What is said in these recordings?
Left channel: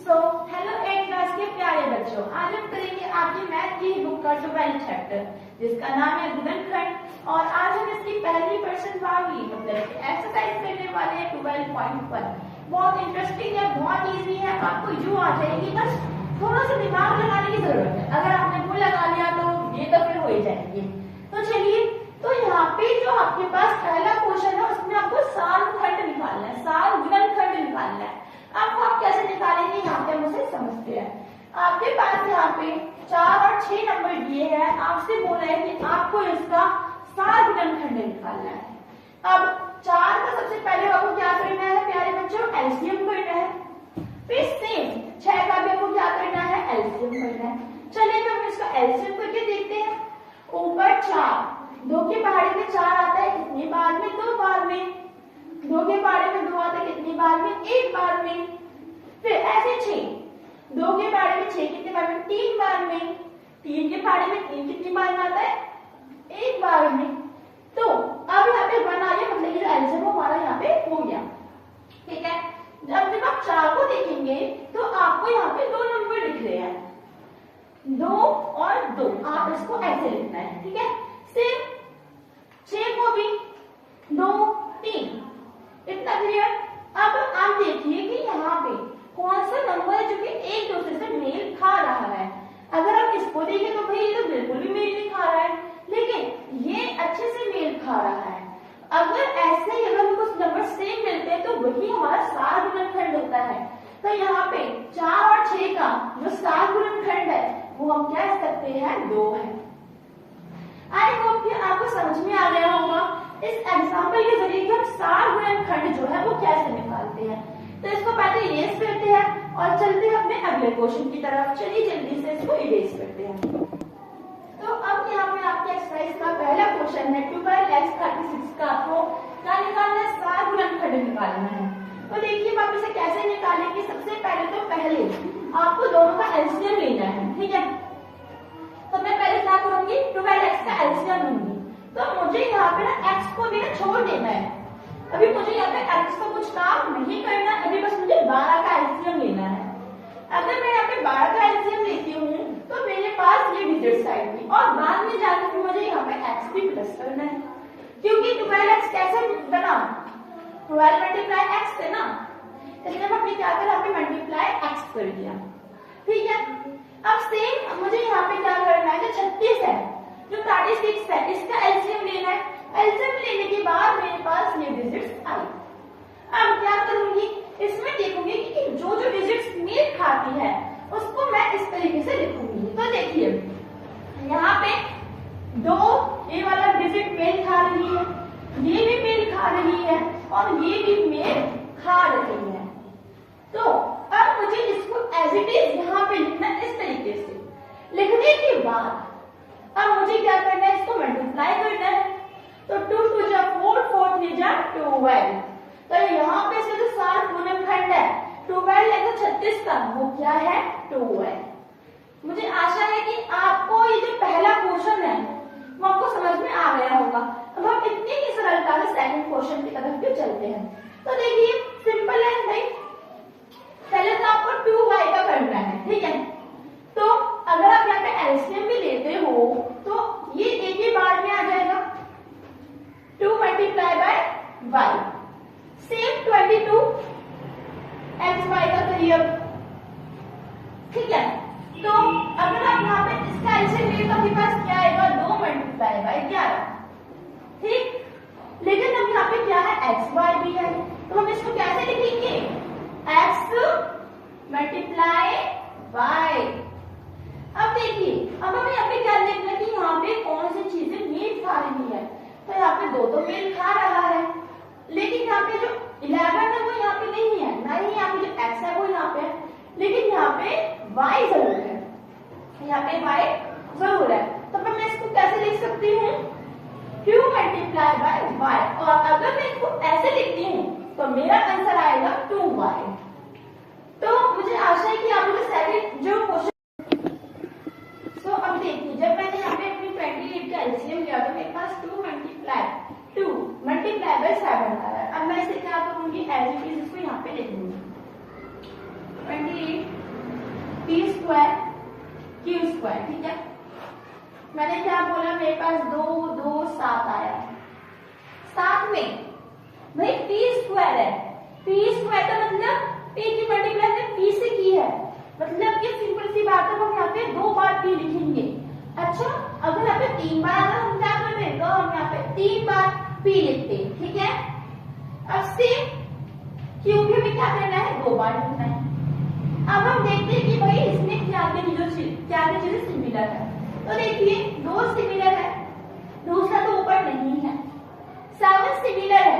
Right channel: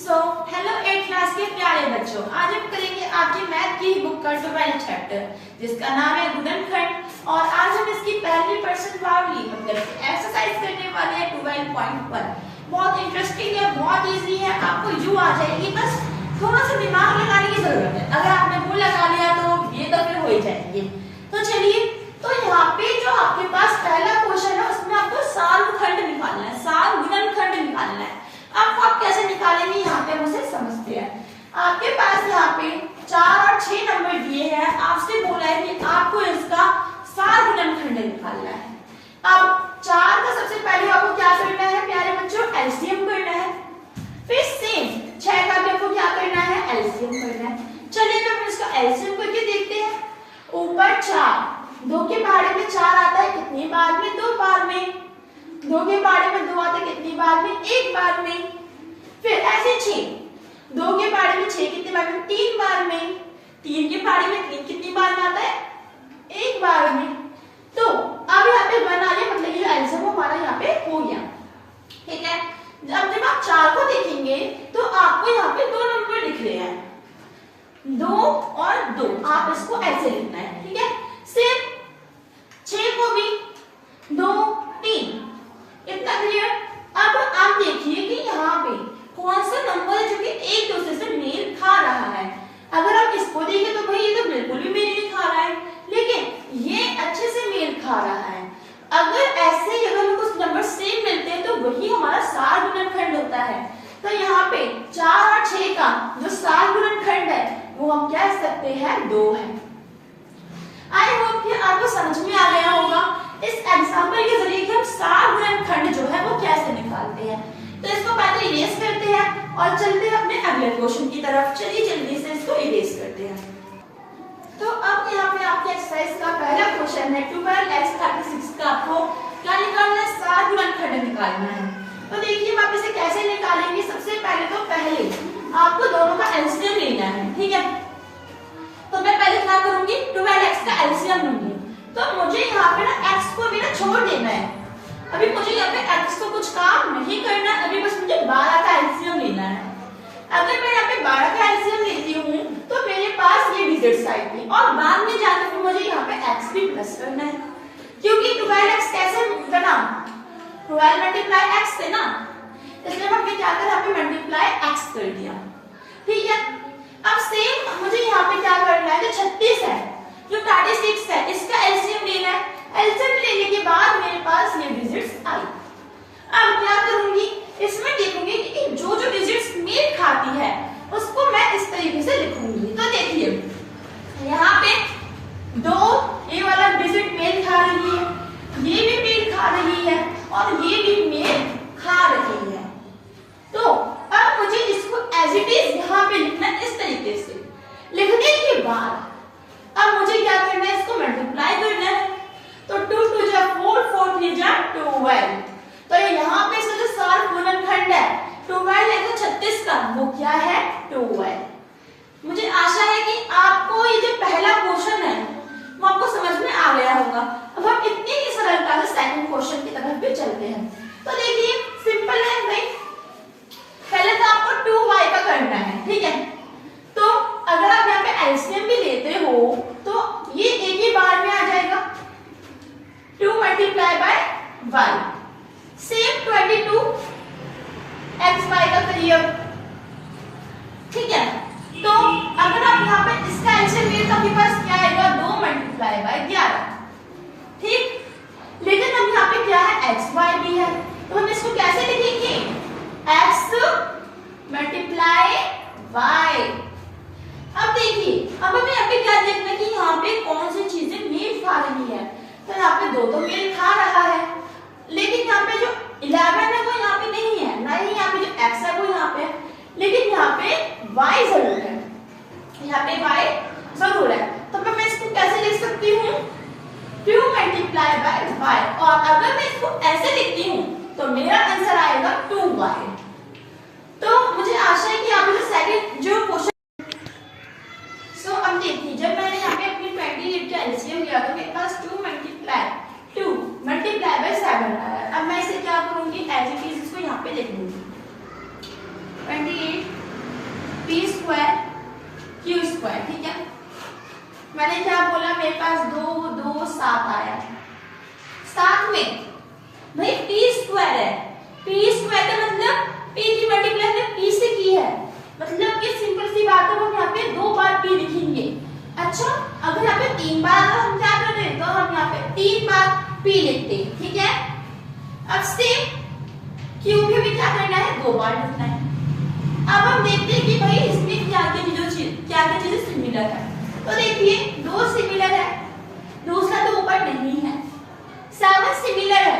So hello 8 class के प्यारे बच्चों, आज हम करेंगे आपकी मैथ की बुक का 12th चैप्टर जिसका नाम है गुणनखंड। और आज हम इसकी पहली पर्सनवाली मतलब एक्सरसाइज करने वाले हैं 12.1। बहुत इंटरेस्टिंग है, बहुत इजी है, आपको यूं आ जाएगी, बस थोड़ा सा दिमाग लगाने की जरूरत है। अगर आपने वो लगा लिया तो ये तो फिर हो ही जाएंगे। तो चलिए, तो यहाँ पे जो आपके पास पहला क्वेश्चन है उसमें आपको सारखंड निकालना है, सार गुणनखंड निकालना है। आपको आप कैसे निकालेंगे यहाँ पे हम उसे समझते हैं। आपके पास यहाँ पे 4 और 6 नंबर दिए हैं, आपसे बोला है कि आपको इसका सार गुणनखंड निकालना है। अब 4 का सबसे पहले आपको क्या करना है प्यारे बच्चों, एलसीएम करना है। फिर सेम 6 का भी आपको क्या करना है, एलसीएम करना है। चलिए हम इसका एलसीएम करके देखते हैं। ऊपर 4, 2 के पहाड़े में 4 आता है, कितनी बार में, 2 बार में। 2 के पहाड़े में 2 आता है, कितनी बार में, 1 बार में। फिर ऐसे 6, 2 के पहाड़े में 6 कितनी बार में, 3 बार में। 3 के पहाड़े में 3 कितनी बार में आता है, 1 बार में। तो अब यहाँ पे बना लिया, मतलब ये जो एलसीएम हमारा यहाँ पे हो गया, ठीक है। जब आप 4 को देखेंगे तो आपको यहाँ पे 2 नंबर दिख रहे हैं, 2 और 2, आप इसको ऐसे लिखना है, ठीक है। सिर्फ 6 को भी 2 3, इतना क्लियर। अब आप देखिए कि यहाँ पे कौन सा नंबर है जो कि एक दूसरे से मेल खा रहा है। अगर आप इसको देखें तो भाई ये तो बिल्कुल भी मेल नहीं खा रहा है, लेकिन ये अच्छे से मेल खा रहा है। अगर ऐसे ही अगर कुछ नंबर सेम मिलते हैं तो वही हमारा सार गुणनखंड होता है। तो यहाँ पे 4 और 6 का जो सार गुणनखंड है वो हम कह सकते हैं 2 है। आई होप कि आपको समझ में आ गया होगा इस एग्जांपल के जरिए कि हम सार गुणनखंड जो है वो कैसे निकालते हैं। तो इसको पहले इरेज करते हैं और चलते हैं अपने अगले क्वेश्चन की तरफ। चलिए जल्दी से इसको इरेज करते हैं। तो अब यहाँ पे आपके एक्सरसाइज का पहला क्वेश्चन है 12x36 का आपको क्या निकालना है, सार गुणनखंड निकालना है। तो देखिए आप इसे कैसे निकालेंगे। सबसे पहले तो आपको दोनों का एलसीएम लेना है, ठीक है। तो मैं पहले क्या करूंगी, 12x का एलसीएम लूंगी। तो मुझे यहाँ पे ना x को भी ना छोड़ देना है। अभी मुझे यहाँ पे x को कुछ काम नहीं करना, अभी बस मुझे 12 का एलसीएम लेना है। अगर मैं यहाँ पे 12 का एलसीएम लेती हूँ तो मेरे पास ये डिजिट्स आएगी और बाद में जाकर मुझे यहाँ पे x भी प्लस करना है, क्योंकि 12x कैसे बना, 12 मल्टीप्लाई x है ना, इसलिए हमने क्या करा, यहाँ पे मल्टीप्लाई x कर दिया, ठीक है। अब सेम मुझे यहाँ पे क्या करना है, जो 36 है, जो 36 है, इसका एलसीएम लेना है। एलसीएम लेने के बाद मेरे पास ये डिजिट्स आई। अब क्या करूंगी, इसमें देखूंगी कि जो जो डिजिट्स मेल खाती है उसको मैं इस तरीके से लिखूंगी। तो देखिए यहाँ पे 2 ये वाला डिजिट मेल खा रही है, ये भी मेल खा रही है और ये भी मेल खा रही है। तो अब मुझे इसको एज इट इज यहाँ पे लिखना है इस तरीके से। लिखने के बाद अब मुझे क्या करना है, इसको मल्टीप्लाई करना है। तो 2 2 जा 4, 4 3 जा 12। तो यहाँ पे इसका जो सार गुणनखंड है 12 है, 36 का वो क्या है, 12। मुझे आशा है कि आपको ये जो पहला क्वेश्चन है वो आपको समझ में आ गया होगा। अब हम इतनी ही सरलता से सेकंड क्वेश्चन की तरफ भी चलते हैं। तो देखिए सिंपल है भाई, पहले तो आपको 2y का करना है, ठीक है। तो अगर आप यहाँ पे एलसीएम भी लेते हो तो ये एक ही बार में आ जाएगा, 2 multiply by y। Same 22 xy का करिए, ठीक है। तो अगर आप यहाँ पे इसका एलसीएम लेते तो आपके पास क्या आएगा, 2 मल्टीप्लाई बाय 11, ठीक। लेकिन अब यहाँ पे क्या है, xy भी है, तो हम इसको कैसे लिखेंगे, x मल्टीप्लाई y। अब देखिए अब हमें यहाँ पे क्या देखना है कि यहाँ पे कौन सी चीजें मेल खा रही है। तो यहाँ पे 2 तो मेल खा रहा है, लेकिन यहाँ पे जो 11 है वो यहाँ पे नहीं है, ना ही यहाँ पे जो x है वो यहाँ पे है, लेकिन यहाँ पे y जरूर है, यहाँ पे y जरूर है। तो मैं इसको कैसे लिख सकती हूँ, 2 मल्टीप्लाई बाय y। और अगर मैं इसको ऐसे लिखती हूँ तो मेरा आंसर आएगा 2y। तो मुझे आशा है कि आपने सेकंड जो क्वेश्चन, सो अब देखिए जब मैंने यहाँ पे अपनी 28 का एलसीएम लिया तो मेरे पास 2 मल्टीप्लाई बाय 7 आया। अब मैं इसे क्या करूंगी, एज इट इज इसको यहाँ पे लिख दूंगी 28 मैंने क्या बोला, मेरे पास 2 2 7 आया। साथ में भाई पी स्क्वायर है, पी स्क्वायर का मतलब पी की मल्टीप्लाई हमने पी से की है, मतलब ये सिंपल सी बात है, हम यहाँ पे 2 बार पी लिखेंगे। अच्छा, अगर यहाँ पे 3 बार हम क्या कर रहे हैं, तो हम यहाँ पे 3 बार पी लिखते हैं, ठीक है। अब सेम क्यू भी हमें क्या करना है, 2 बार लिखना है। अब हम देखते हैं कि भाई इसमें क्या क्या चीजें सिमिलर है। तो देखिए 2 सिमिलर है, दूसरा तो ऊपर नहीं है, 7 सिमिलर है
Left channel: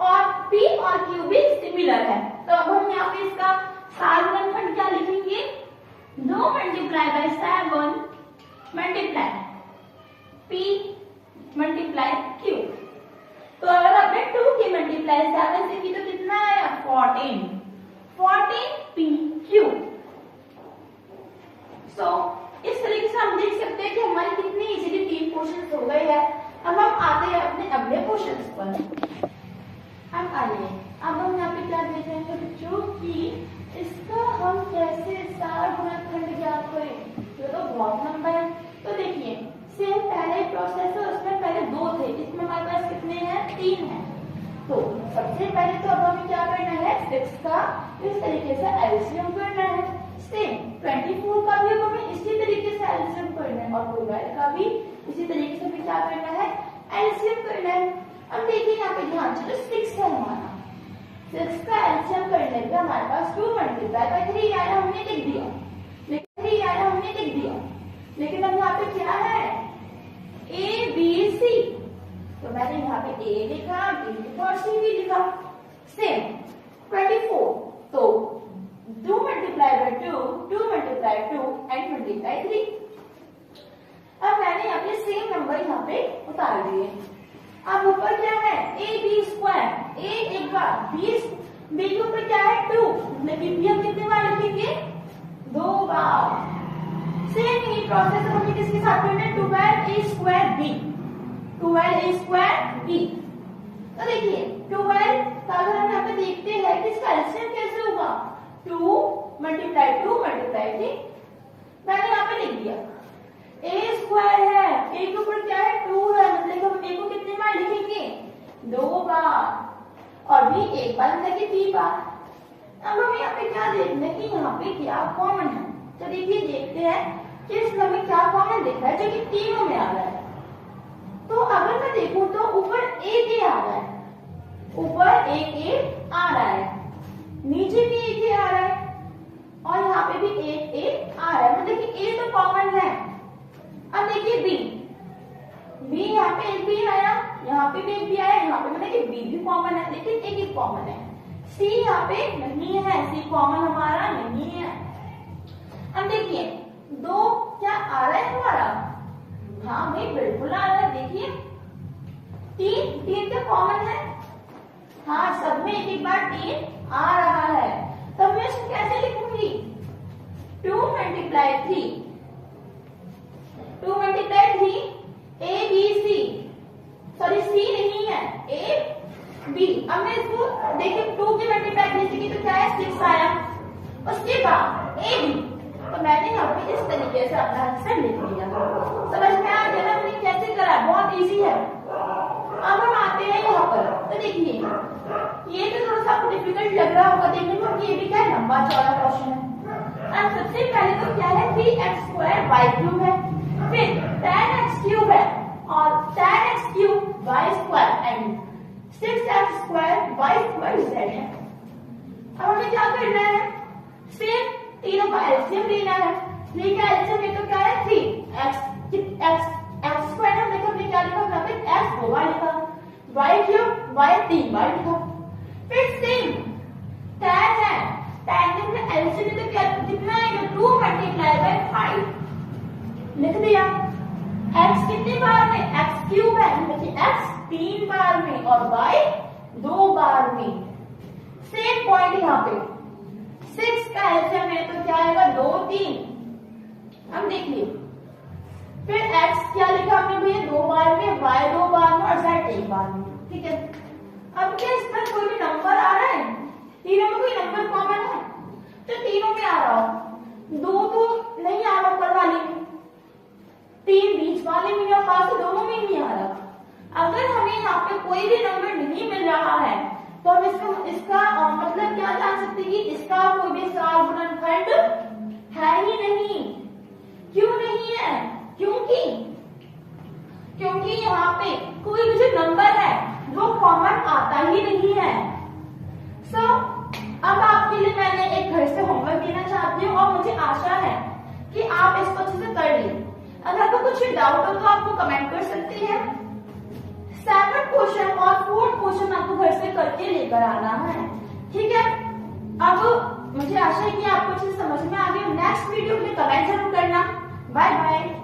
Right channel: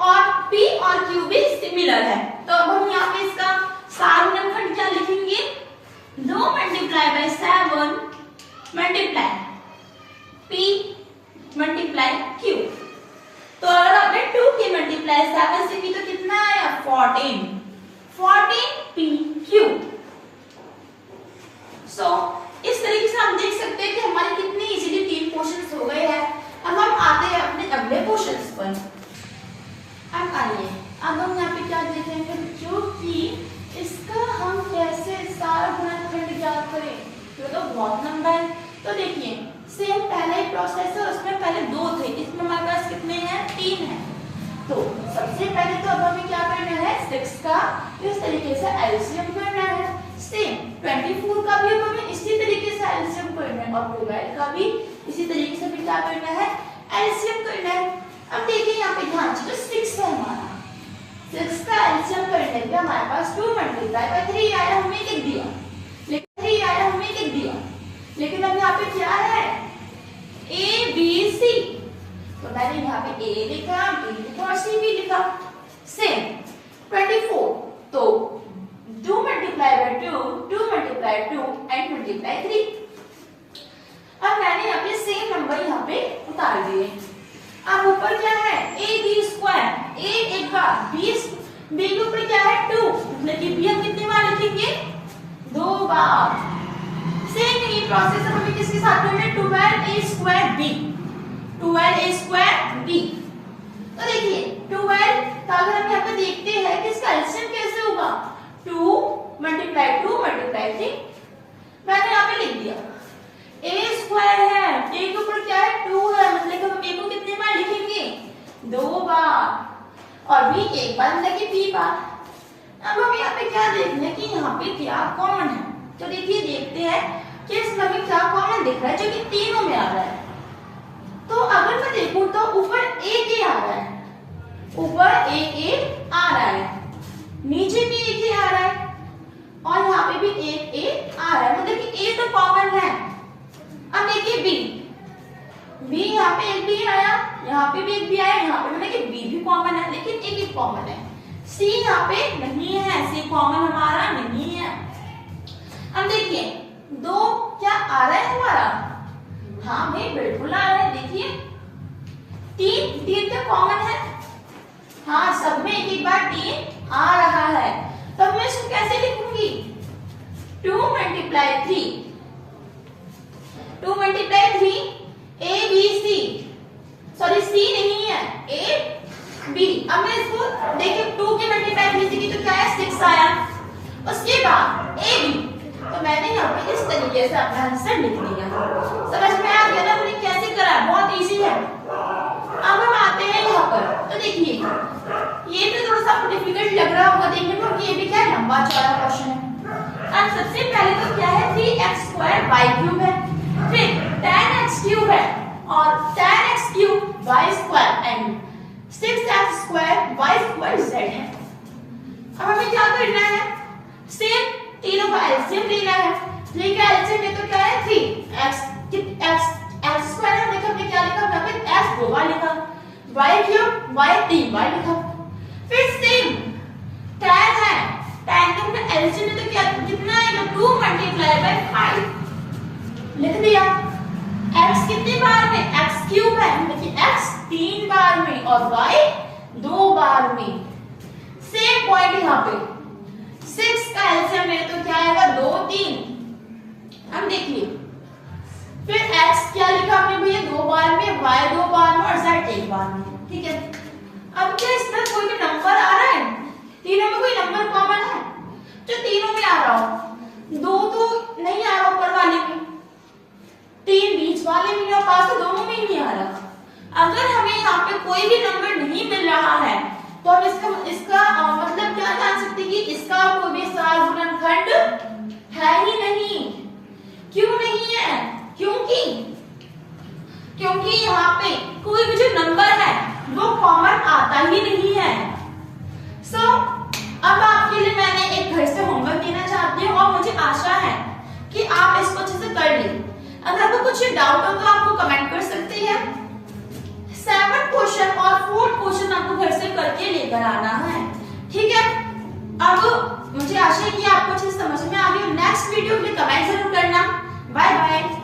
और P और Q भी सिमिलर है। तो अब हम यहाँ पे इसका सार गुणनखंड क्या लिखेंगे, 2 multiply by 7 multiply P multiply Q। तो अगर आपने 2 की मल्टीप्लाई 7 से की तो कितना आया, 14 PQ। सो इस तरीके से हम देख सकते हैं कि हमारे कितने इजीली 3 क्वेश्चंस हो गए हैं। अब हम आते हैं अपने अगले क्वेश्चंस पर। अब आइए, अब हम यहाँ पे क्या देखेंगे बच्चों कि इसका हम कैसे सार गुणनखंड ज्ञात करें, तो बहुत लंबा है। तो देखिए सेम पहले ही प्रोसेस है, उसमें पहले 2 थे, इसमें हमारे पास कितने हैं, 3 हैं। तो सबसे पहले तो अब हमें क्या करना है, 6 का इस तरीके से एलसीएम करना है। सेम 24 का भी अब हमें इसी तरीके से एलसीएम करना है और 12 का भी इसी तरीके से भी क्या करना है, एलसीएम करना है। अब देखिए यहाँ पे ध्यान से, तो 6 है हमारा, 6 का एलसीएम करने पे हमारे पास 2 मल्टीप्लाई बाय 3 आया, हमने लिख दिया, लेकिन अब यहाँ पे क्या है, ए बी सी, तो मैंने यहाँ पे ए लिखा, बी लिखा और सी भी लिखा। सेम 24, तो 2 multiply by 2, 2 multiply 2 and multiply 3। अब मैंने यहाँ पे सेम नंबर यहाँ पे उतार दिए। अब ऊपर क्या है, ए बी स्क्वायर, ए एक बार, बी के ऊपर क्या है, 2, मतलब कि बी हम कितने बार लिखेंगे, 2 बार। सेम ही प्रोसेस हमें किसके साथ करना है, 12a square b, 12a square b। तो देखिए 12 का अगर हम यहाँ पे देखते हैं कि इसका एलसीएम कैसे होगा, 2 मल्टीप्लाई 2 मल्टीप्लाई 3, मैंने यहाँ पे लिख दिया। a स्क्वायर है, a के ऊपर क्या है, 2 है, मतलब कि हम a को कितने बार लिखेंगे, 2 बार, और b एक बार, मतलब कि b बार। अब हम यहाँ पे क्या देखना है कि यहाँ पे क्या कॉमन है, तो देखिए देखते हैं कि इसमें हमें क्या कॉमन दिख रहा है, जो कि तीनों में आ रहा है। तो अगर मैं देखूं तो ऊपर एक ए आ रहा है, ऊपर एक ए आ रहा है, नीचे भी एक ए आ रहा है और यहाँ पे भी एक ए आ रहा है, मतलब कि ए तो कॉमन है। अब देखिए बी यहाँ पे एक भी आया, यहाँ पे भी एक भी आया, यहाँ पे मतलब कि बी भी कॉमन है, लेकिन एक ही कॉमन है। सी यहाँ पे नहीं है, सी कॉमन हमारा नहीं है। अब देखिए 2 क्या आ रहा है हमारा, हाँ भाई बिल्कुल आ रहा है। देखिए 3 तो कॉमन है, हाँ सब में एक बार 3 आ रहा है। तब मैं इसको कैसे लिखूंगी, 2 multiply 3, 2 multiply 3 B C sorry, C सी नहीं है, ए बी। अब मैं इसको देखिए 2 के मल्टीप्लाई 3 से की तो क्या है, 6 आया, उसके बाद ए बी, तो मैंने यहाँ पे इस तरीके से अपना आंसर लिख दिया। समझ में आ गया ना मैंने कैसे करा, बहुत इजी है। अब हम आते हैं यहाँ पर, तो देखिए ये तो थोड़ा सा डिफिकल्ट लग रहा होगा देखने में, क्योंकि ये भी क्या है, लंबा चौड़ा क्वेश्चन है। अब सबसे पहले तो क्या है, 3x स्क्वायर y क्यूब है, फिर tan x क्यूब है और tan x cube y square and 6x square y square z है। अब हमें क्या करना है, सेम तीनों का एलसीएम लेना है। लेके एलसीएम ले तो क्या है, 3x x स्क्वायर हमने तो क्या लिखा, यहाँ पे x 2 बार लिखा, y क्यूब y 3 बार लिखा। फिर सेम tan है, tan के हमने एलसीएम ले तो क्या कितना आएगा, 2 मल्टीप्लाई बाय 5 लिख दिया। x कितने बार में, x क्यूब है, मतलब कि x 3 बार में और y 2 बार में। सेम पॉइंट यहाँ पे 6 का एलसीएम ले तो क्या आएगा, 2 3। हम देखिए फिर x क्या लिखा हमने भैया, 2 बार में, y 2 बार में और z 1 बार में, ठीक है। अब क्या इसमें कोई भी नंबर आ रहा है, तीनों में कोई नंबर कॉमन है, जो तीनों में आ रहा हो, 2 तो नहीं आ रहा ऊपर वाले में, अब इसका मतलब क्या जान सकते हैं कि इसका कोई भी सवाल गुणनखंड है ही नहीं। क्यों नहीं है? क्योंकि यहाँ पे कोई भी जो नंबर है वो कॉमन आता ही नहीं है। अब आपके लिए मैंने एक घर से होमवर्क देना चाहती हूँ और मुझे आशा है कि आप इसको अच्छे से कर लें। अगर आपको कुछ डाउट हो तो आपको कमेंट कर सकते हैं। 7 क्वेश्चन और 4 क्वेश्चन आपको घर से करके लेकर आना है, ठीक है। अब मुझे आशा है कि आपको अच्छे से समझ में आ गई। नेक्स्ट वीडियो के लिए कमेंट जरूर करना। Bye bye.